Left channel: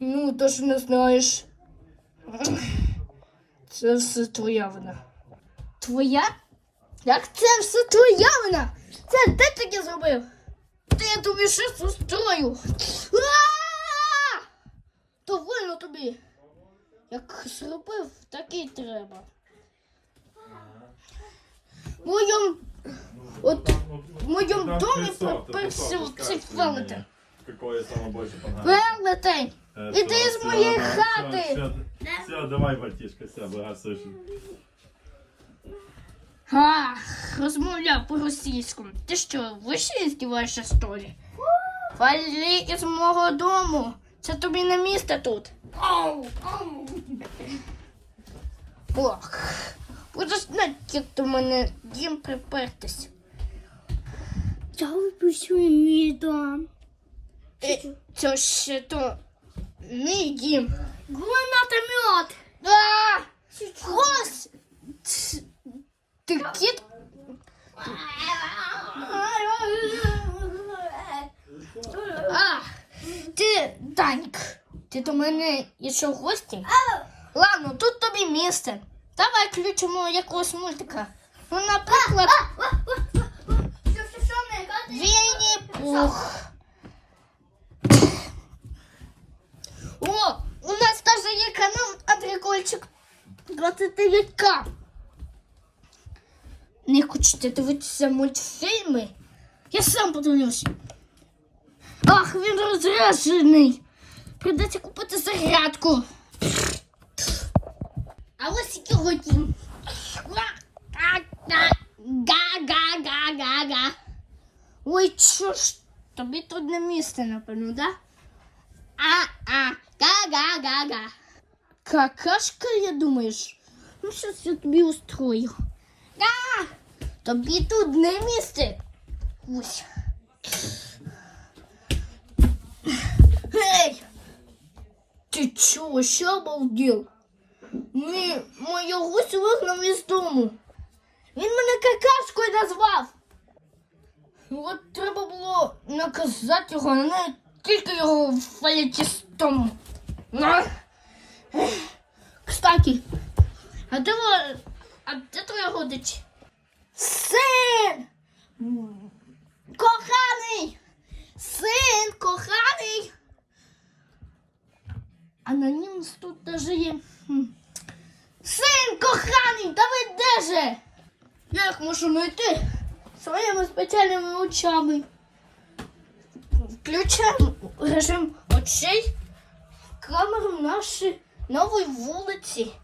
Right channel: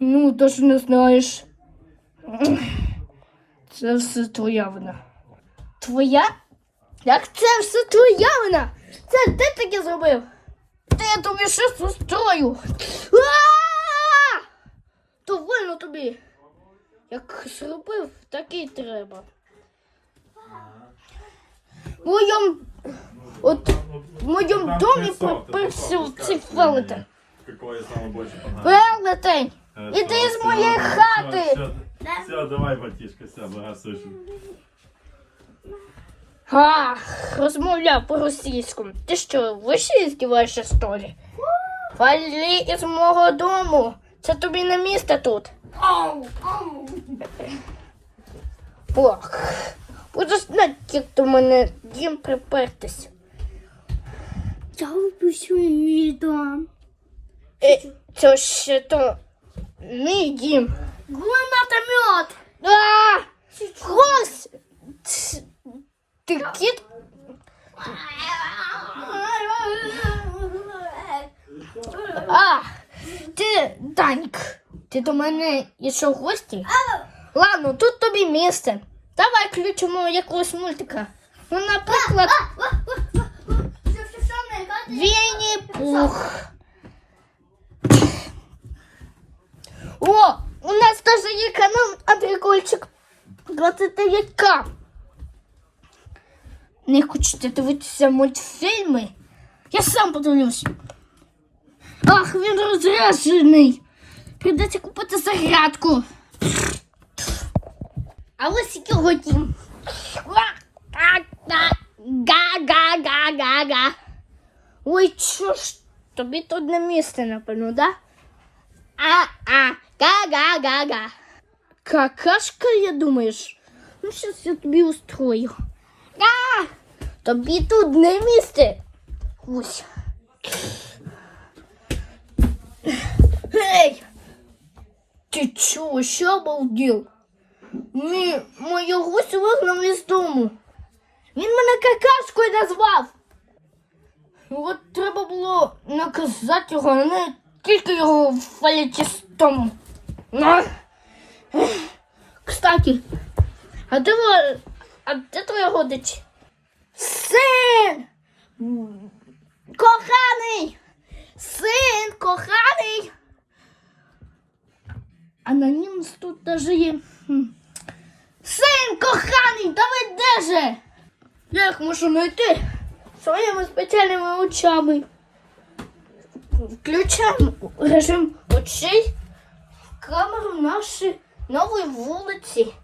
Ну, то ж не знаєш. Це все твоя вина. Твоя? Як це все твоя вина? Це ти таке зробив? Та я тобі щось устрою. А! То вольно тобі. Як зробив, так і треба. В моєму, от, в моєму домі красота, цей велетень. Велетень! Э, Іди всё, з всё, моєї всё, хати! всё, Все, давай, братишка, все, богатствуешь. Ах, розмовляв по-російському. Ти що, вище здіваєшся столі? Валі із мого дому. Це тобі не місце тут. Ох, буду знати, як до мене дім припертись. Я випишу мій дом. Е, це ще то мій дім. Гранатомет. А! Гос! Ц- Ти? А, ти, Даньк, ти до мене йшов в гості? Ладно, тут тобі місце. Давай включимо якогось мультика. Ну, наприклад, Вінні Пух. О, у нас теж є канал Андрікольчик 29К. Не хочете дивитися мультфільми? Я сам подивлюсь. Ах, він розряджений. Придеться купити зарядку. А ось його. Га-га-га-га-га. Ой, що ж, тобі тут не місце, напевно, да? А-а, га-га-га-га. Какашка, я думаєш? Ну, щас я тобі устрою. А! Тобі тут не місце. Ось. Гей! Ти чого, що обалдів? Ні, моя гусь вигнав із дому. Він мене какашкою назвав. От треба було наказати його, а не тільки його дому. На. Кстати, а де, а де твоя родич? Син! Коханий! Син, коханий! Анонімс тут даже є. Син, коханий, ви де же? Я їх можу знайти своїми спеціальними очами. Включаємо режим очей камеру нашої нової вулиці.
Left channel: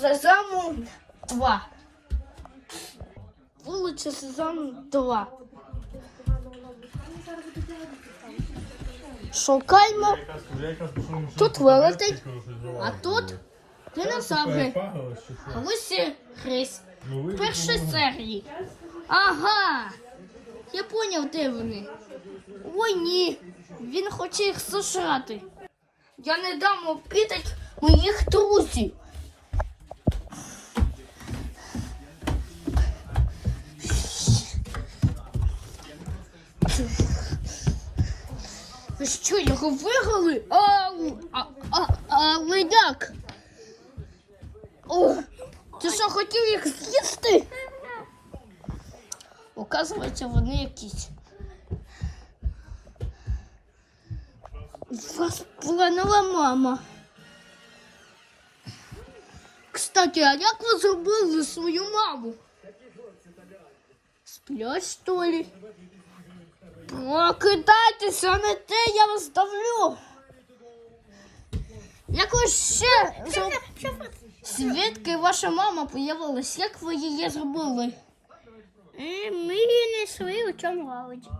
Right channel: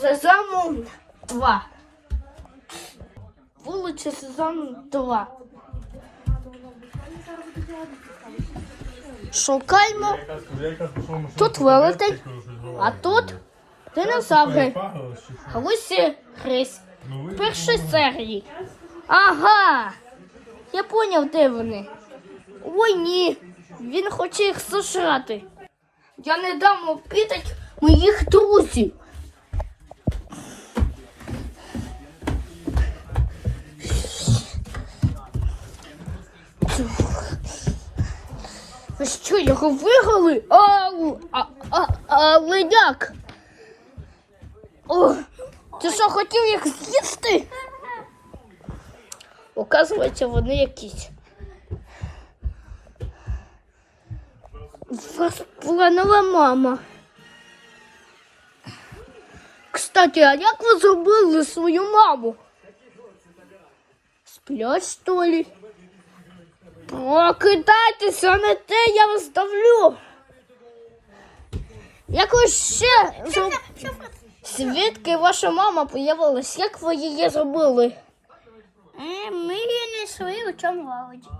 Сезаму 2. Вулиця Сезаму 2. Шукаємо. Тут велетень, а тут динозаври. А ось і Хрись. Першої серії. Ага. Я поняв, де вони. Ой ні. Він хоче їх сожрати. Я не дам обідати моїх друзів. Ви що, його вигнали? Ау, а, а, а линяк. О, ти що, хотів їх з'їсти? Оказується, вони якісь. Нова мама. Кстати, а як ви зробили свою маму? Сплять, що ли? Прокидайтеся, не те, я вас давлю. Як ви ще. Звідки ваша мама появилась? Як ви її зробили? Е, Ми її знайшли у цьому лавочці.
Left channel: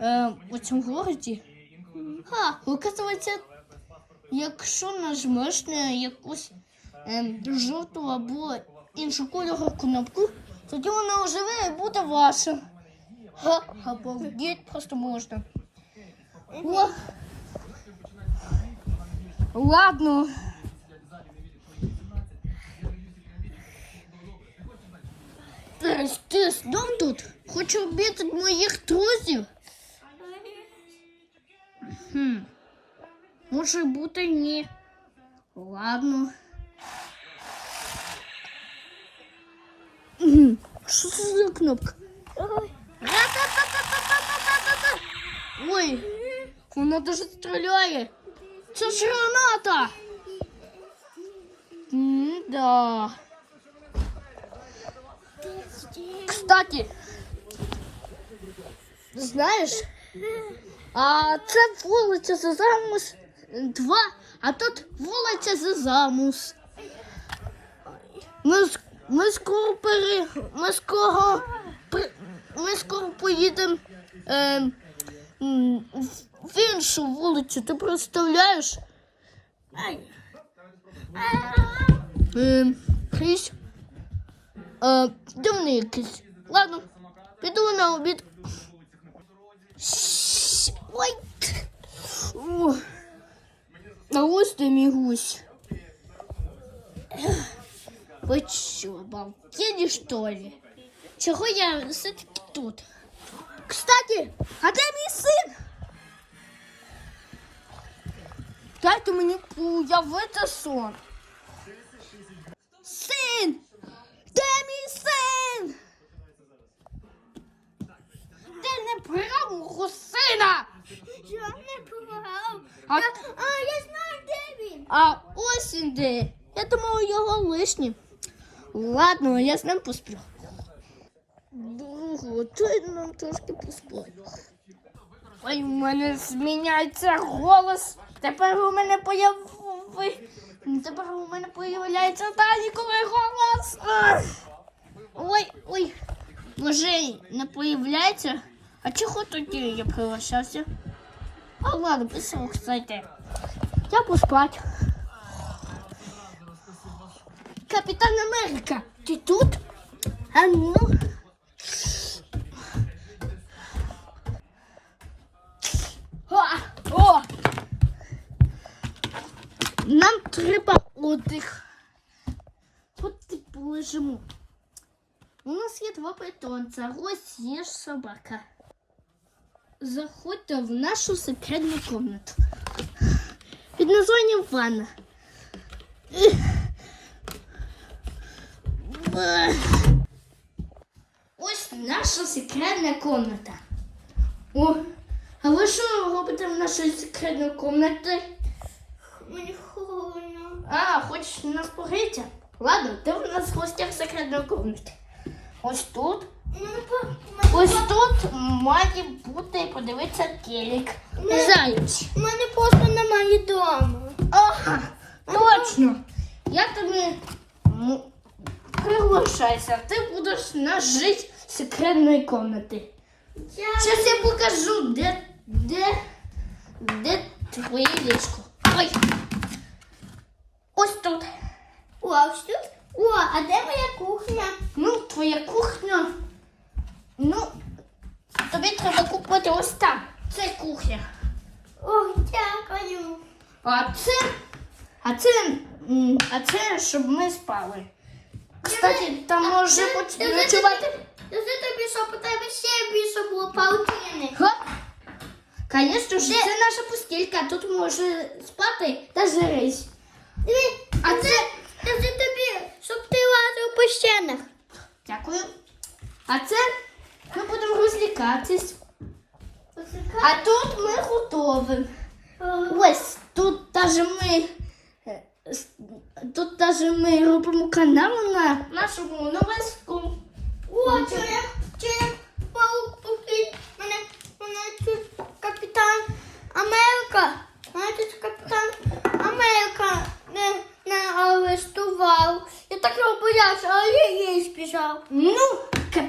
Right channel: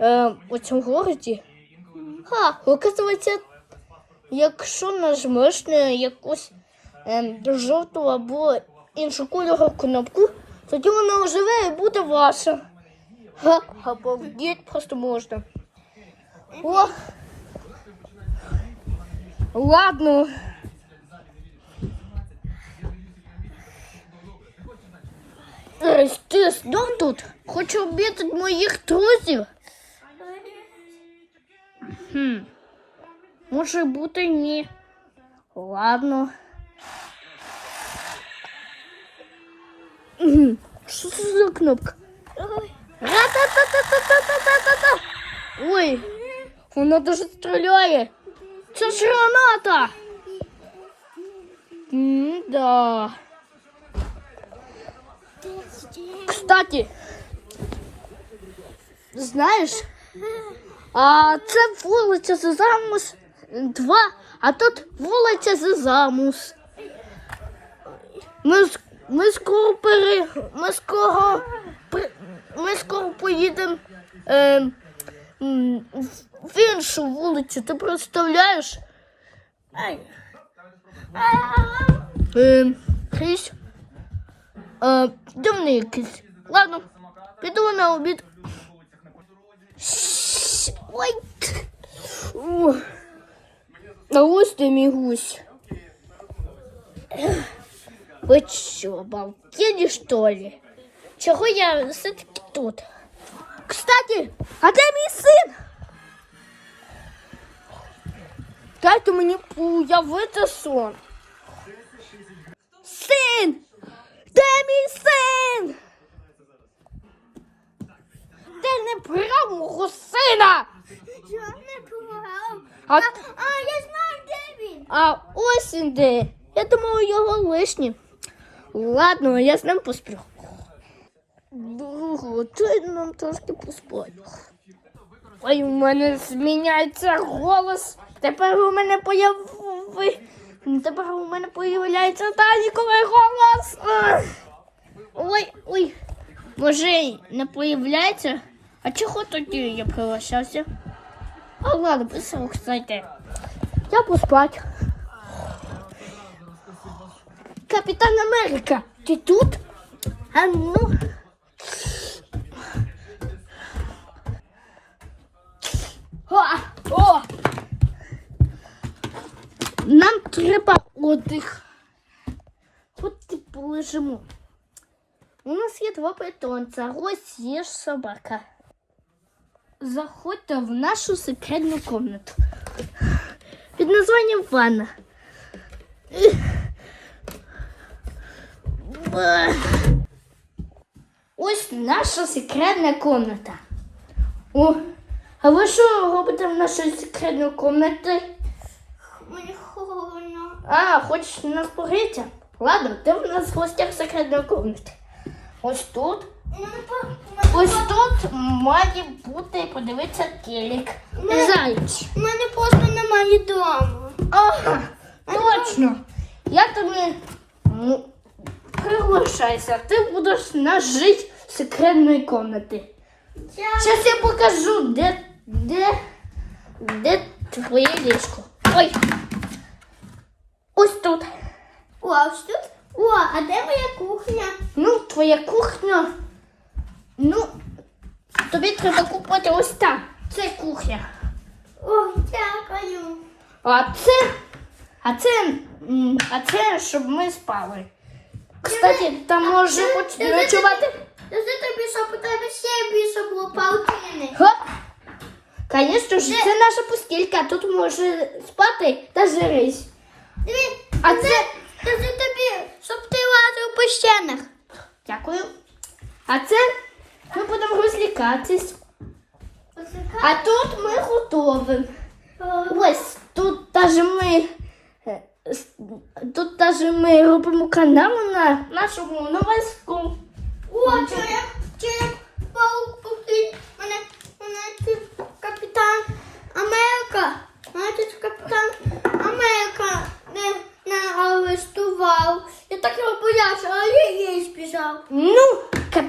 Е, у цьому городі? Ха, оказується, якщо нажмеш на якусь е, жовту або іншу кольору кнопку, тоді вона оживе і буде ваша. Ха, обалдеть просто можна. О! Ладно. Ей, Ти знов тут? Хочу обідати моїх друзів. Хм. Може бути ні. Ладно. Мгм. Що це за кнопка? Ра-та-та-та-та-та-та-та-та. Ой, вона даже стріляє. Це ж граната. М-да. Кстати, знаєш, а це вулиця Зезамус 2, а тут вулиця Зезамус. Ми, ми скоро пере... Ми скоро... Ми скоро поїдемо е, в- в іншу вулицю. Ти представляєш? Ай. Е, Хрісь. Е, дивний якийсь. Ладно, піду на обід. Щ, Ой. Ух. А ось ти мій гусь. Ви що, балкені, що ли? Чого я все-таки тут? Кстати, а де мій син? Дайте мені уявити сон. Син! Де мій син? Ти не брав мого сина! А, А я знаю, де він. а ось він де. Я думаю, його лишні. Ладно, я з ним посплю. Дай нам трошки поспати. Ой, у мене зміняється голос. Тепер у мене появи... Тепер у мене появляється Даніковий голос. Ой, ой. Може, не появляється? А чого тоді я прилишався? А ладно, писав, кстати. Я поспать. Капітан Америка, ти тут? А ну. О, о. Нам треба отдих. От ти полежимо. У нас є два питомця. Ось є собака. Заходьте в нашу секретну комнату. Під названням ванна. Ось наша секретна комната. О, а ви що робите в нашій секретній кімнаті? Мені холодно. А, хочеш нас погріти? Ладно, ти в нас в гостях секретної кімнати. Ось тут. Ось тут має бути, подивитися телек. Зайч. У мене просто немає дому. Ага, точно. Я тобі ну, приглашайся. Ти будеш нас жити в секретної кімнаті. Зараз я покажу, де, де, де твоє ліжко. Ой. Ось тут. О, а ось тут? О, а де моя кухня? Ну, твоя кухня. Ну, тобі треба купити ось там. Це кухня. О, дякую. А це. А це. м, А це, щоб ми спали. Кстати, там може бути ночувати. Це тобі, щоб у тебе ще більше було паутини. Звісно ж, це наша постілька. Тут може спати та. Диві, А це. це тобі, щоб ти лазив по стінах. Дякую. А це ми будемо розлікатись. А тут ми готові. Ось тут даже е, Тут даже ми робимо канал на нашому новеску. О, чи чи паук попить. Мене, мене тут капітан Америка. Мене тут капітан Америка не, не арештував. Я так його боявся, а я їй збіжав. Ну,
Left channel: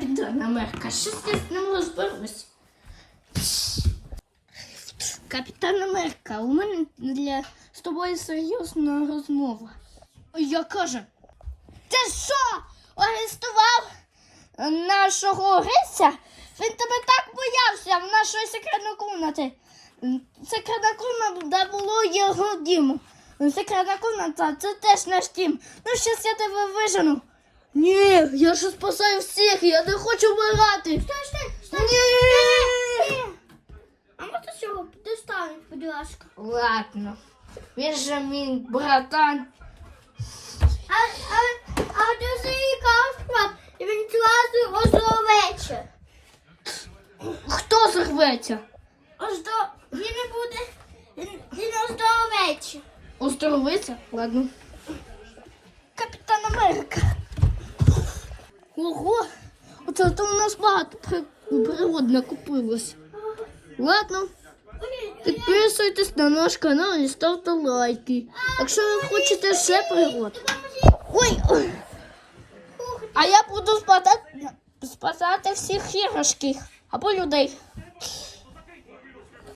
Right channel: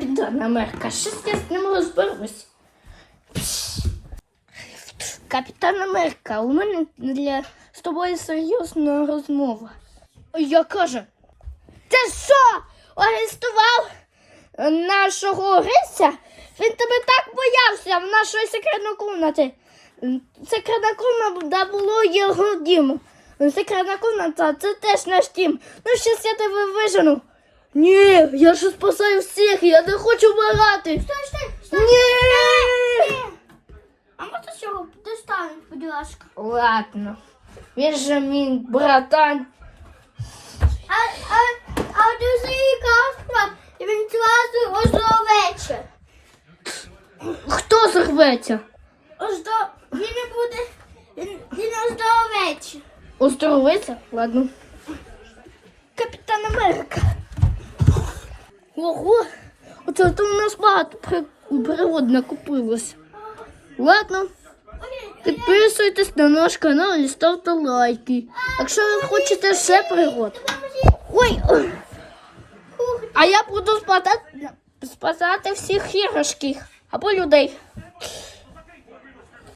капітан Америка, щось я з ним розберусь. Капітан Америка, у мене для з тобою серйозна розмова. Я кажу, ти що, арестував нашого Гриця? Він тебе так боявся в нашої секретної кімнаті. Секретна кімната було його дім. Секретна кімната це теж наш дім. Ну, щас я тебе вижену. Ні, я ж спасаю всіх, я не хочу вмирати. Стой, стой, стой. Ні. А можна цього достануть, будь ласка. Ладно. Він же мій братан. А, а, а дуже каспа, і він зразу озловече. Хто зірветься? Оздо... Він не буде, він, він оздоровече. Оздоровиться? Ладно. Капітан Америка. Ого, оце то у нас багато при- пригод накопилось. Ладно, підписуйтесь на наш канал і ставте лайки. Якщо ви хочете ще пригод. Ой! А я буду спасати, спасати всіх іграшки або людей.